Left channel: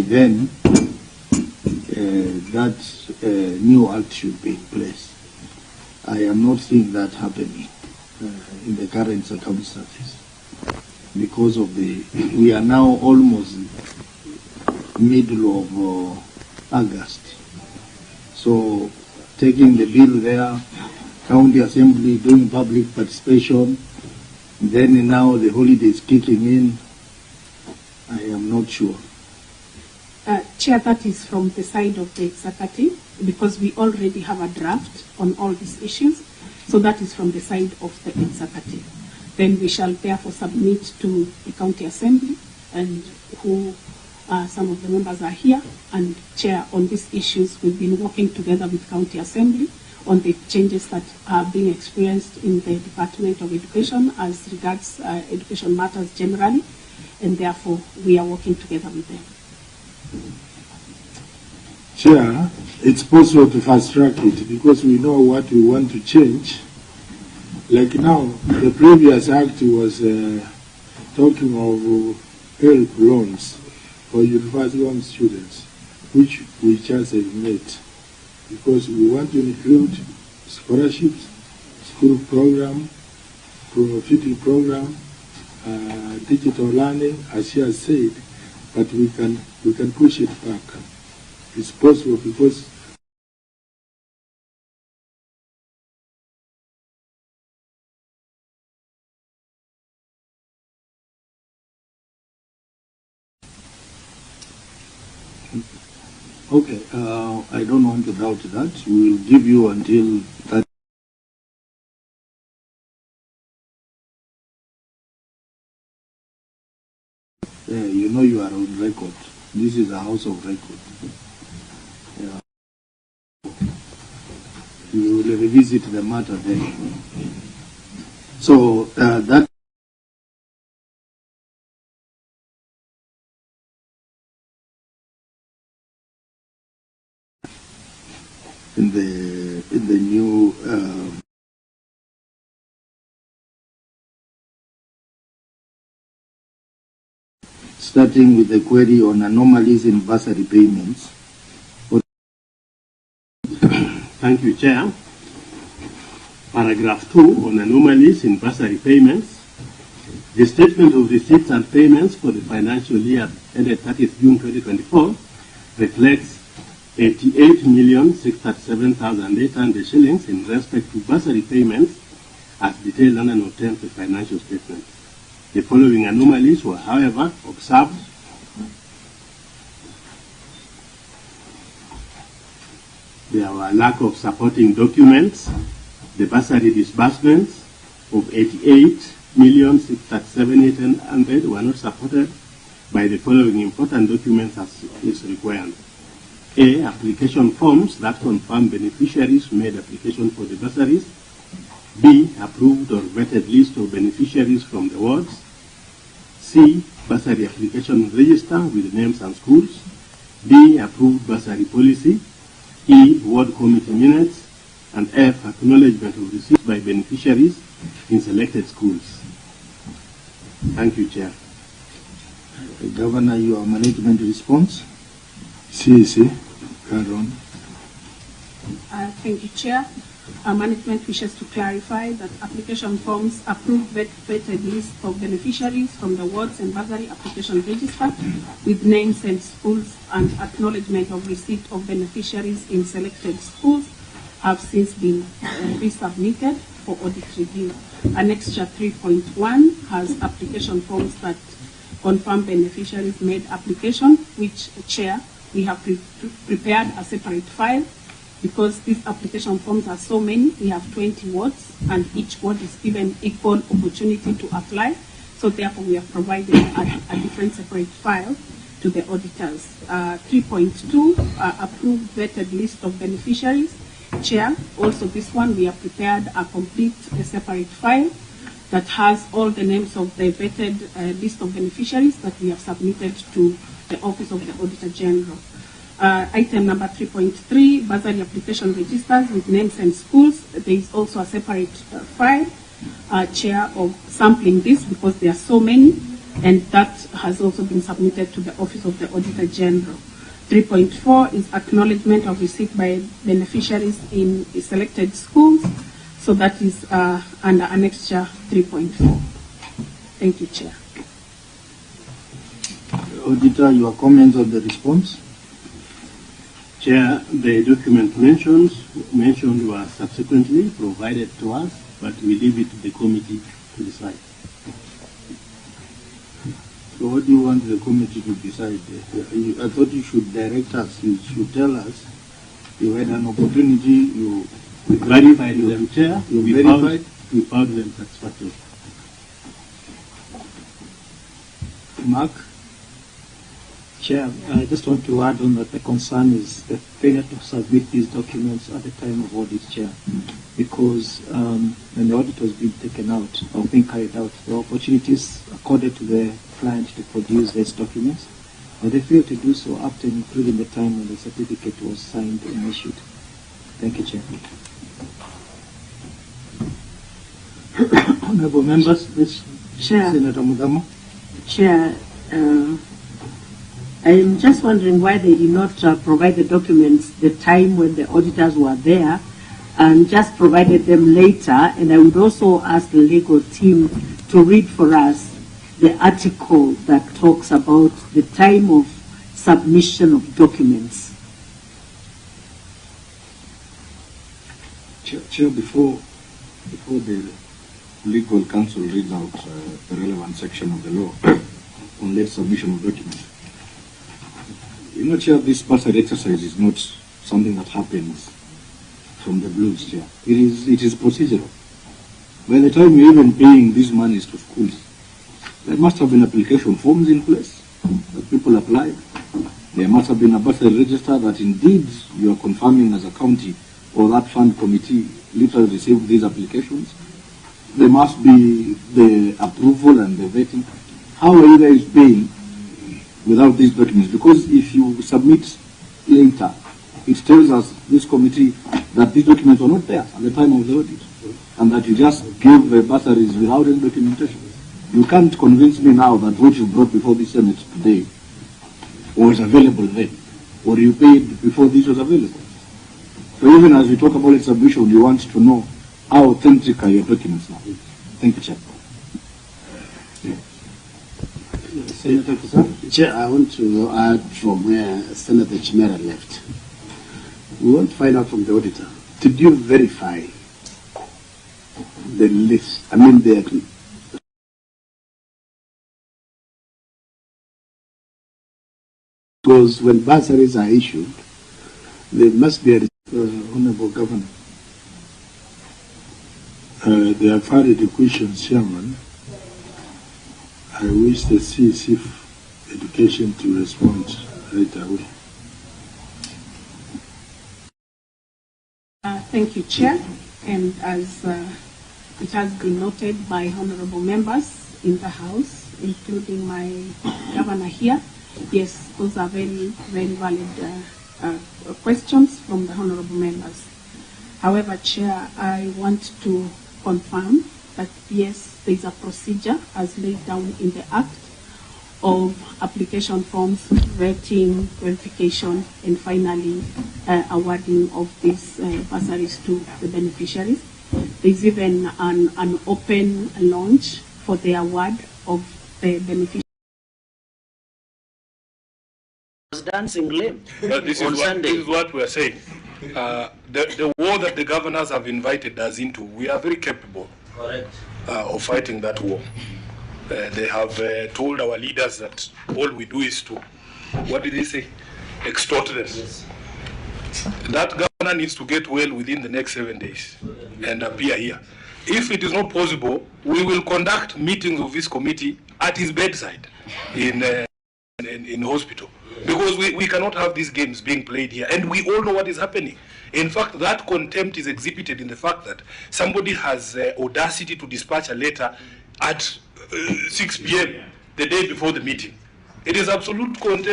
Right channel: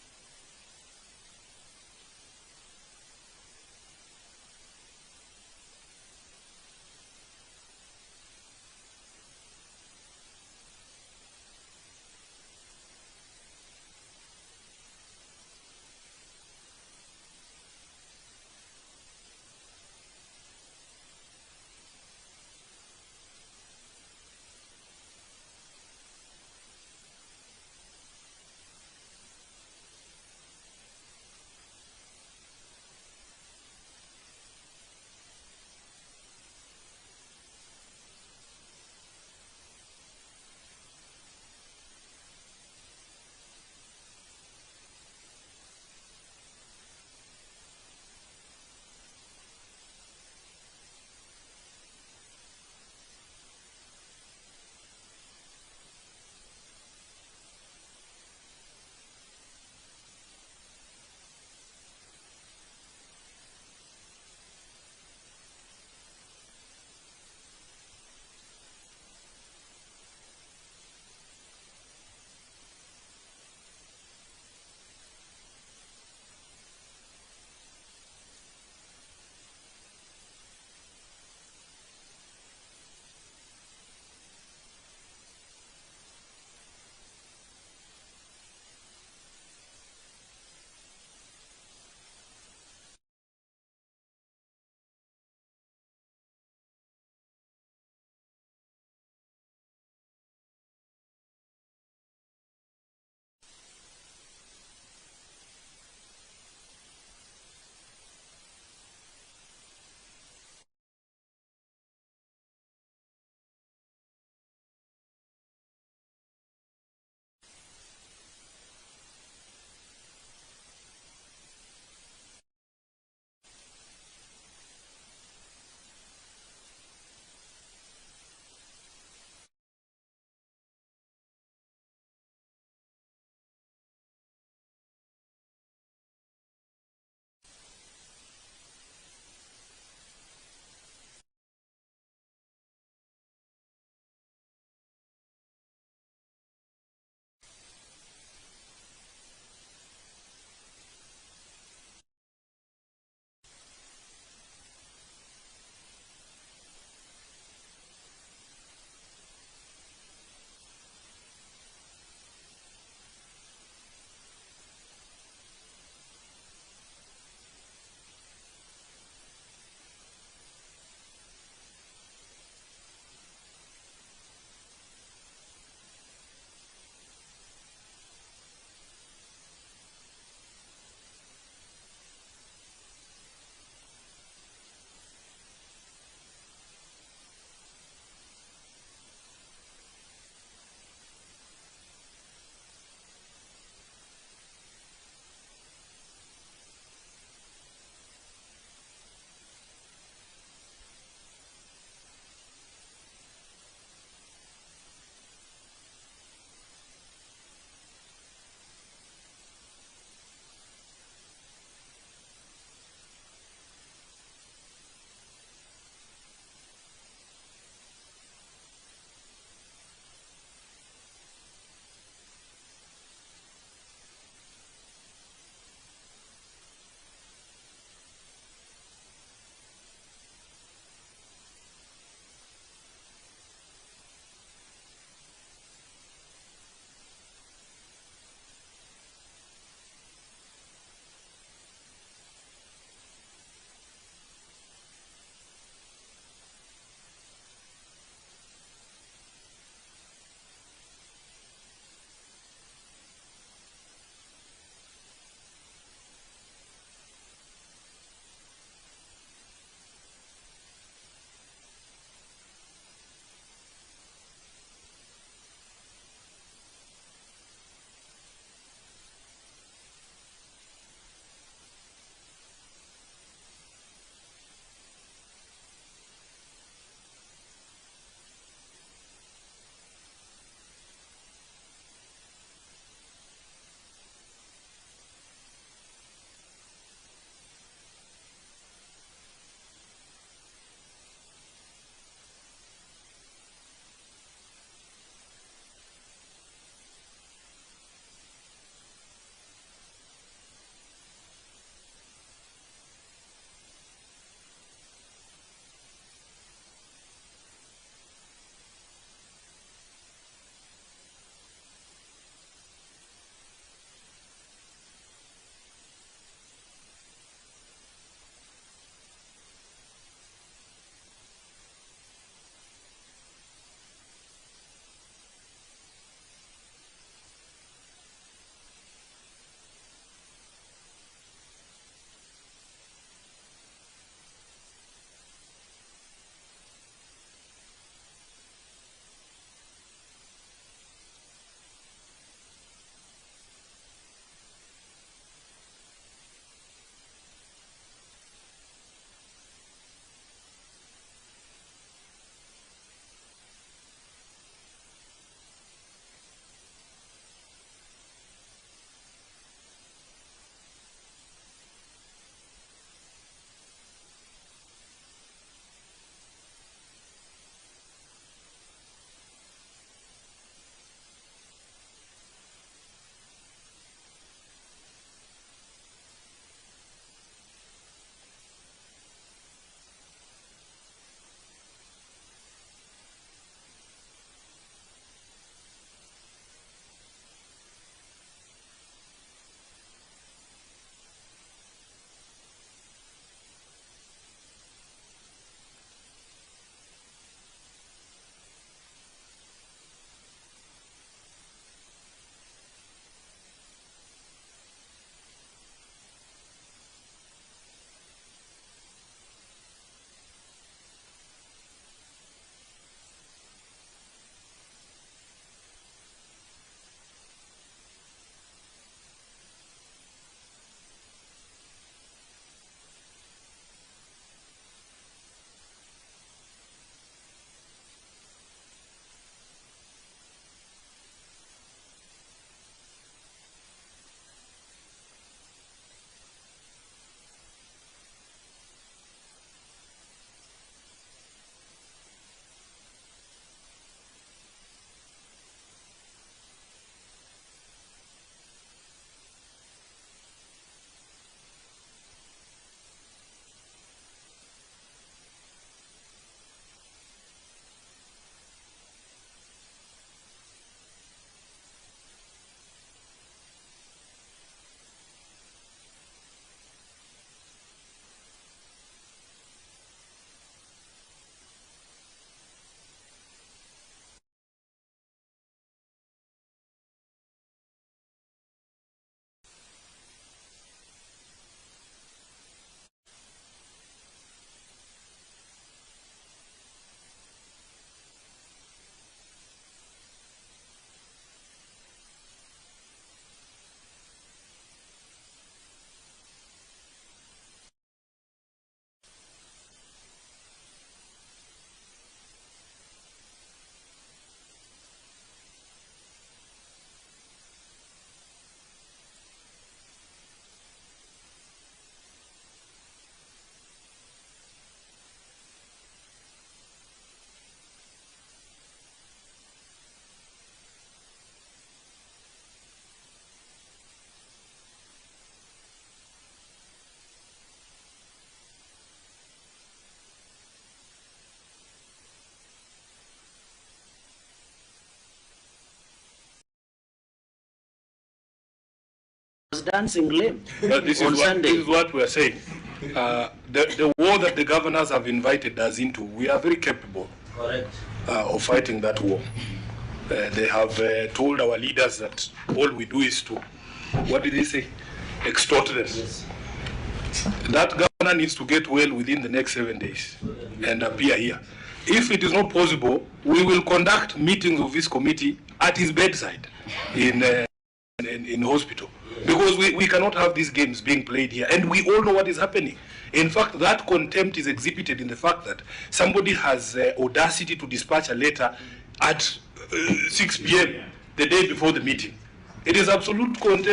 by then that new act should be in place. I am not seeing that happening in the current circumstances because of we are now almost middle of August. So taking the bill there, county assembly doing public participation, then now the holidays kicking in, I am not sure. Chair, that is from the side of the executive, because we already have a draft on all these issues. So that is from the side of the executive. Then we shall therefore submit to the county assembly, and who some of the members are here, and Chair, on these issues we've been working together with county assembly on the changes that are being experienced in the Department of Education as regards education matters generally, and therefore we are working together with them. Chair, it's possible to fast track it because we know what we want to change. Like now, the previous act was talking of help loans for university loan students, which we just have made, because we want to include scholarships, school program, feeding program, digital learning, as she has said, but we can push it back. It's possible because okay, I don't want to doubt that. We will give you until that. You know you are on record. This is a house of record. You will revisit the matter then. So that in the new starting with the query on anomalies in bursary payments. Thank you, Chair. Paragraph 2 on anomalies in bursary payments. The statement of receipts and payments for the financial year ended 30th June 2024 reflects 88,637,800 shillings in respect to bursary payments as detailed under Note 10 of the financial statement. The following anomalies were, however, observed. There were lack of supporting documents. The bursary disbursements of 88,637,800 were not supported by the following important documents as is required. A. Application forms that confirm beneficiaries made application for the bursaries. B. Approved or vetted list of beneficiaries from the wards. C. Bursary application register with names and schools. D. Approved bursary policy. E. Ward committee minutes. And F. Acknowledgement of receipts by beneficiaries in selected schools. Thank you, Chair. Governor, your management response? CEC, carry on. Thank you, Chair. Management wishes to clarify that application forms approved vetted list of beneficiaries from the wards and bursary application register with names and schools and acknowledgement of receipt of beneficiaries in selected schools have since been resubmitted for audit review. Annexure 3.1 has application forms that confirm beneficiaries made application, which, Chair, we have prepared a separate file because these application forms are so many. We have 20 wards and each ward is given equal opportunity to apply. So therefore we have provided a different separate file to the auditors. 3.2, approved vetted list of beneficiaries. Chair, also this one we have prepared a complete separate file that has all the names of the vetted list of beneficiaries that we have submitted to the Office of the Auditor General. Item number 3.3, bursary application registers with names and schools. There is also a separate file, Chair, of sampling this because there are so many. and that has also been submitted to the Office of the Auditor General. 3.4 is acknowledgement of receipt by beneficiaries in selected schools. So that is under Annexure 3.4. Thank you, Chair. Auditor, your comments on the response? Chair, the document mentioned were subsequently provided to us, but we leave it to the committee to decide. So what do you want the committee to decide? I thought you should direct us, you should tell us. You had an opportunity, you verified them, Chair. We found them satisfactory. Mark? Chair, I just want to add on that the concern is the failure to submit these documents at the time of audit, Chair, because when the audit was being taken out or being carried out, the opportunities accorded to the client to produce these documents, but they failed to do so up to and including the time when the certificate was signed and issued. Thank you, Chair. Honorable members, please. Chair. Senator Mudamo. Chair, I am just wondering why they did not provide the documents the time when the auditors were there and just provided them later. And I would also ask the legal team to read for us the article that talks about the time of submission of documents. Chair, before the legal counsel reads out the relevant section of the law on late submission of documents, you know, Chair, this bursary exercise is not something that happens from the blues, Chair. It is procedural. By the time you're even paying these monies to schools, there must have been application forms in place that people applied. There must have been a bursary register that indeed you are confirming as a county or that fund committee literally received these applications. There must be the approval and the vetting. How are you guys paying without these documents? Because if you submit later, it tells us, this committee, that these documents were not there at the time of the audit, and that you just gave bursaries without any documentation. You can't convince me now that what you brought before the Senate today was available then, or you paid before this was available. So even as we talk about its submission, you want to know how authentic are your documents now. Thank you, Chair. Senator Kusa. Chair, I want to add from where Senator Nyamira left. We want to find out from the auditor, did you verify the list? I mean, because when bursaries are issued, there must be a Honorable Governor. They have had the questions, Chairman. I wish the CEC Education to respond right away. Thank you, Chair. And as it has been noted by honorable members in the House, including my governor here, yes, those are very, very valid questions from the honorable members. However, Chair, I want to confirm that yes, there is a procedure as laid down in the Act of application forms, vetting, verification, and finally awarding of these bursaries to the beneficiaries. There is even an open launch for the award of the beneficiaries. Dancing lame. This is what we are saying. The war that the governors have invited us into, we are very capable of fighting that war. They have told our leaders that all we do is to, what did they say? Extort them. Yes. That governor needs to get well within the next 7 days and appear here. If it is not possible, we will conduct meetings of this committee at his bedside in hospital. Because we cannot have these games being played here. And we all know what is happening. In fact, that contempt is exhibited in the fact that somebody has audacity to dispatch a letter at 6 p.m. the day before the meeting. It is absolute contempt.